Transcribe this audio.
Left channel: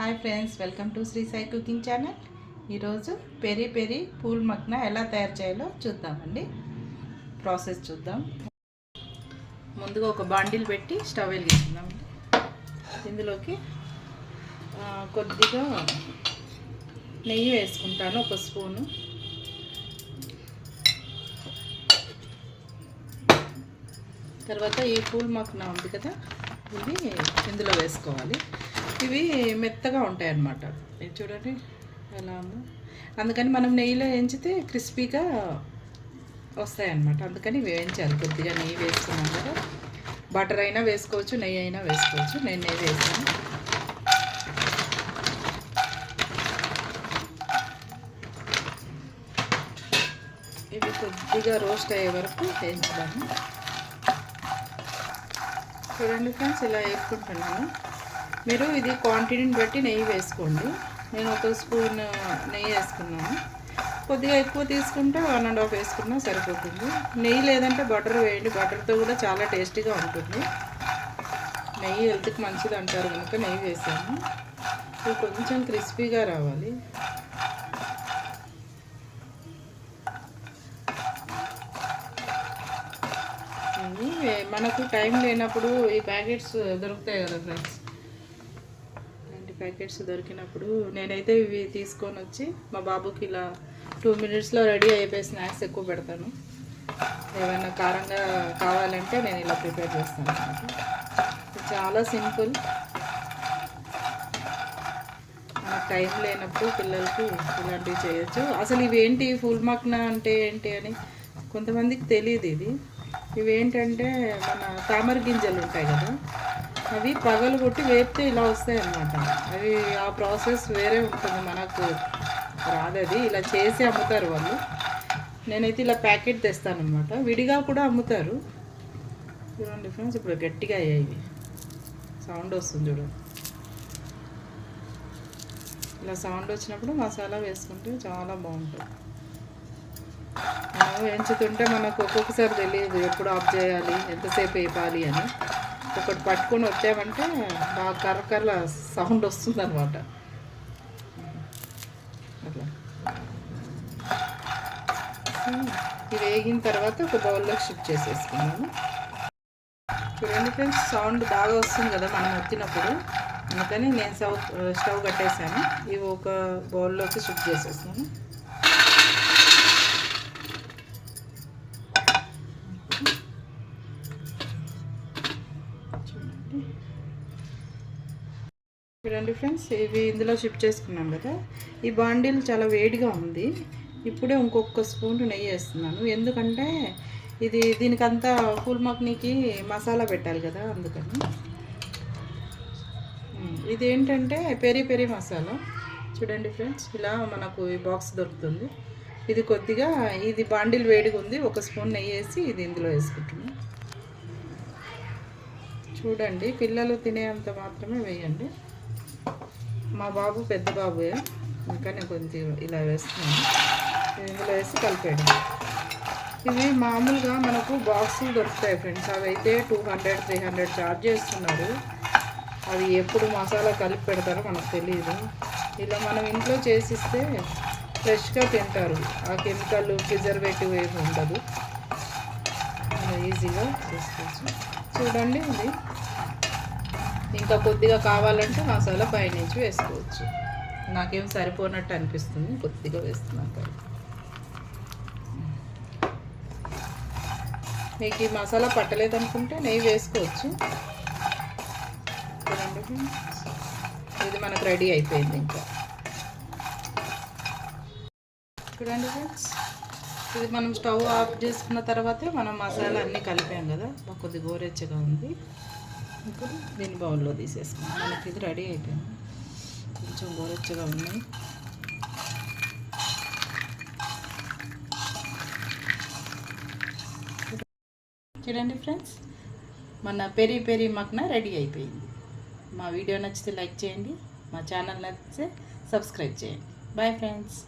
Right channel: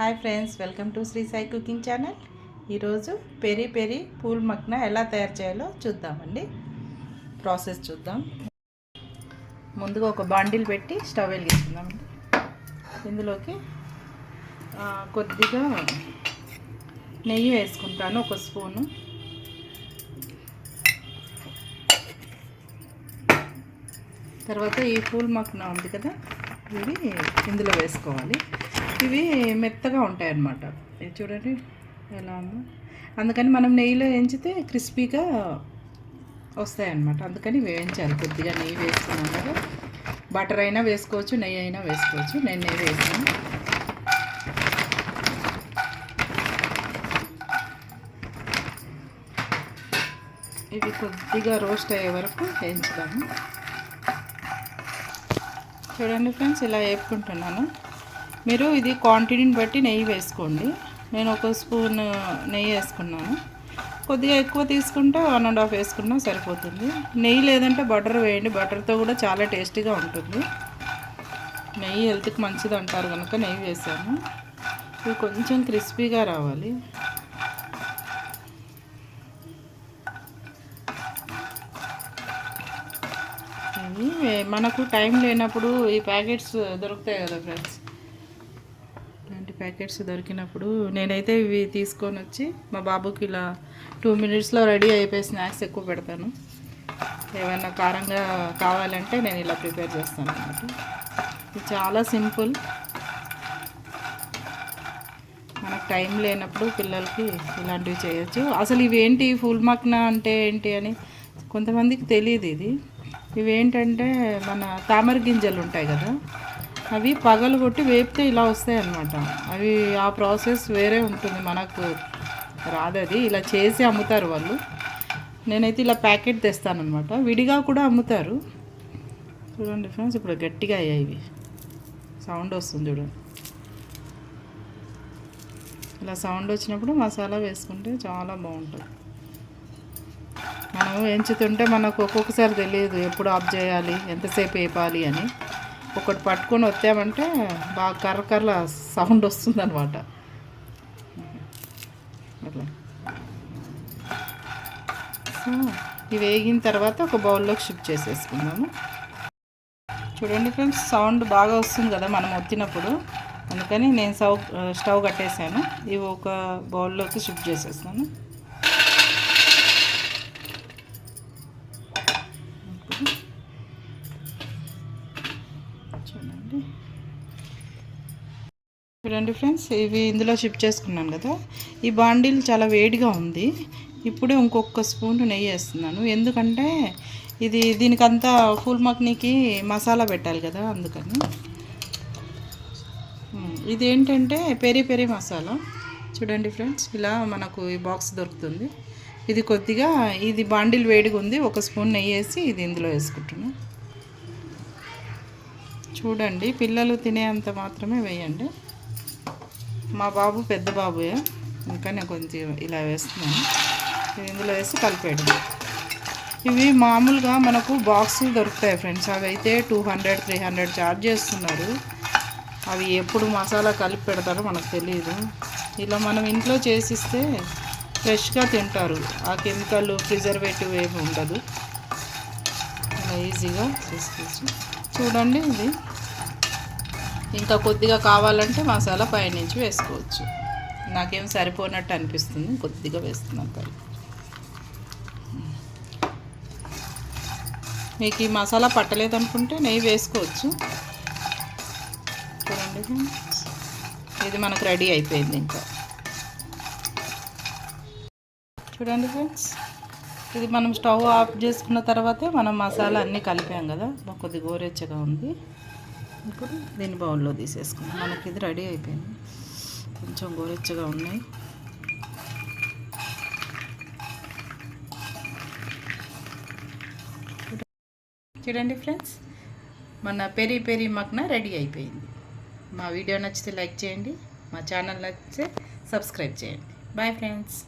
Hi friends welcome to Sri Sai cooking channel. ఈరోజు peri peri phool makhana ఎలా తయారు చేయాలో చూద్దామండి. ప్రాసెస్ చూద్దాం. ముందుగా ఒక బాండిల్ పెట్టి స్టవ్ వెలిగిస్తున్నామండి ఇందులోకి కొద్దిగా నెయ్యి వేసుకుంటాను ఒక స్పూను. తర్వాత ఈ పూల్ మక్న ఉంది కదా ఇవి ఇందులో వేసుకోవాలి. ఇవి మెత్తగా ఉంటాయి అన్నమాట ఇది చూడండి ఎలా ఉందో. అందుకని మనం నెయ్యిలో వేయించితే క్రిస్పీగా వస్తాయి అన్నమాట అందుకని వేయించాలి. కొద్దిగా నెయ్యి వేసుకున్నాం కదా. బటర్ అయినా వేసుకోవచ్చు నెయ్యి అయినా వేసుకోవచ్చు. నేను నెయ్యి వేసాను. ఇవి కొద్దిగా రోస్ట్ అయ్యే వరకు వేయించుదాము చూడండి ఫ్రెండ్స్ ఇలా వేపుకుంటున్నాను మీరు ఇది క్వాంటిటీని బట్టి నెయ్యి వేసుకోండి. నేను ఒక స్పూన్ నెయ్యి వేసుకున్నాను. కొద్దిగా ఎక్కువ తీసుకుంటే వన్ అండ్ హాఫ్ వేసుకున్నా సరిపోతుంది. నెయ్యి లేదంటే బటర్ వేయండి. బటర్తో కూడా చాలా టేస్టీగా ఉంటుంది. నెయ్యి హెల్త్కి మంచిది అంటారు కనుక నెయ్యి వేసాను. ఇది కొంచెం క్రిస్పీగా రావాలి. ఇవి మనకు టైం లేనప్పుడు ఈ ప్యాకెట్స్ దొరుకుతాయి కదా ఫ్రెండ్స్ ఇలాంటి ప్యాకెట్స్ దొరికినప్పుడు నేనైతే ఇవి తీసుకొని వచ్చి మా బాబుకి ఇలా టూ మినిట్స్లో రెడీ అయిపోయి స్నాక్స్ ఎక్కువ పెడతాను. ఏమైనా కారంగా కావాలంటే నేను ఇలా ప్రిపేర్ చేస్తాను ఇది చాలా సింపుల్ టైం లేనప్పుడు పిల్లలకి ఇలాంటివి చేయొచ్చు. అసలు ఇవేంటి? ఫుల్ మక్న అంటే ఏంటి అని కొంతమందికి తెలియదు ఇది. ఇవేంటంటే మన తామర గింజలు ఉంటాయి కదా అవి పగలు కొట్టి వేపితే ఇలా వస్తాయి అన్నమాట అవి ఆ ప్రాసెస్ వేరే ఉంటుంది మనకు రాదది. ఇలా చేసి అమ్ముతారు వాళ్ళు. నేనైతే ఇలా ప్యాకెట్ తెస్తానమాట విడిగా కూడా అమ్ముతారు. చూడండి ఫ్రెండ్స్ ఇప్పుడు గట్టిగా అయ్యాయి ఇవి. సౌండ్ వస్తుంది చూడు. ఇలా సౌండ్ వచ్చినప్పుడు మసాలా వేసుకుంటే చాలా బాగుంటుంది. ఎంచుతుంటే మనకు ఒక్కొక్కసారి తెలియదు ఎప్పుడు ఆఫ్ చేయాలి ఎంతసేపు వేపాలి అని. ఒకటి పట్టుకొని వచ్చామంటే బాగా కర్ర కర్ర సౌండ్ వస్తుంది అనమాట సో ఇవి వేగిన తర్వాత ఒక బౌల్లోకి షిఫ్ట్ చేసేసుకున్నాము చూడండి ఫ్రెండ్స్ సౌండ్ బాగా వస్తుంది కదా మనం వచ్చినప్పుడు. అందుకని నేను స్టవ్ స్టవ్ కట్టేసాను ఇవి ఒక బౌల్లోకి షిఫ్ట్ చేసేస్తాను చూడండి ఫ్రెండ్స్ ఇవి ఇందులో షిఫ్ట్ చేసుకున్నాం కదా. ఈ బాండిల్ చాలా వేడిగా ఉంది. ఇప్పుడే ఇంకొక స్పూన్ నెయ్యి వేస్తున్నాను. ఎందుకంటే ఇది దీనికంతా ఫుల్ మక్నీకి మసాలా పెట్టాలి కదా అందుకని. ఇదేంటంటే ఇది ఏంటంటే పెరి పెరి మసాలా. చూడండి ఫ్రెండ్స్ ఇలా మనకు ఈ బాక్స్ దొరుకుతుంది. ఇది కొద్దిగా ఇది బాండిల్ వేడిగా ఉంది. ఒక స్పూన్ నెయ్యి వేసి ఇది ఇందులో వేసుకుంటున్నాను చూడండి పిల్లలు తినేంత మాత్రమే వేయండి. మా బాబు పెద్ద బాబుయే. ఇంకా నేను కొంచెం ఇలా వేస్తున్నాను. ఇందులో వేసి కలిపేయడం. ఇవి మామూలుగా మనకు బాక్సులు దొరుకుతాయి ఫ్రెండ్స్. అవి అయితే two hundred three hundred charge చేస్తున్నారు. అవి ఎప్పుడు మసాలా కలిపి పెడతారో మనకు తెలియదు ఇలా మనం ఇంట్లో చేసిస్తే ఫ్రెష్గా తింటారు. ఆ కెమికల్ ప్రిజర్వేటివ్ ఏమి ఉండదు. ఈజీగా చేసుకోవచ్చు. చూడండి ఇది. ఇంకా కొద్దిగా కావాలంటే మసాలా పైనుంచి వేసుకోవచ్చు. నాకేం సరిపోనట్టు అనిపిస్తుంది కొద్దిగా వేస్తున్నాను కదా. మీకు ఈ మసాలా పట్టలేదు అనుకుంటే నెయ్యి వేసుకోవచ్చు. చూడండి ఇది మనకు రెడీ అయిపోయింది ఇంకా. చూడండి ఫ్రెండ్స్ ఇది మనం స్టవ్ ఆఫ్ చేసుకున్న తర్వాతే మనం మసాలా అన్నీ కలిపాం కదా. కొద్ది గోరెచ్చగా ఉంది. ఇప్పుడు దీన్ని బౌల్లో తీసేసుకున్నాం. మనకి ఇది రెడీ అయిపోయింది. కొంచెం గోరెచ్చగా ఉన్నాయి. చూడండి ఫ్రెండ్స్ మన పెరి పెరి మక్న రెడీ అయిపోయింది. మా వీడియో నచ్చితే లైక్ చేయండి. మా ఛానల్ నచ్చితే సబ్స్క్రైబ్ చేయండి. Bye friends.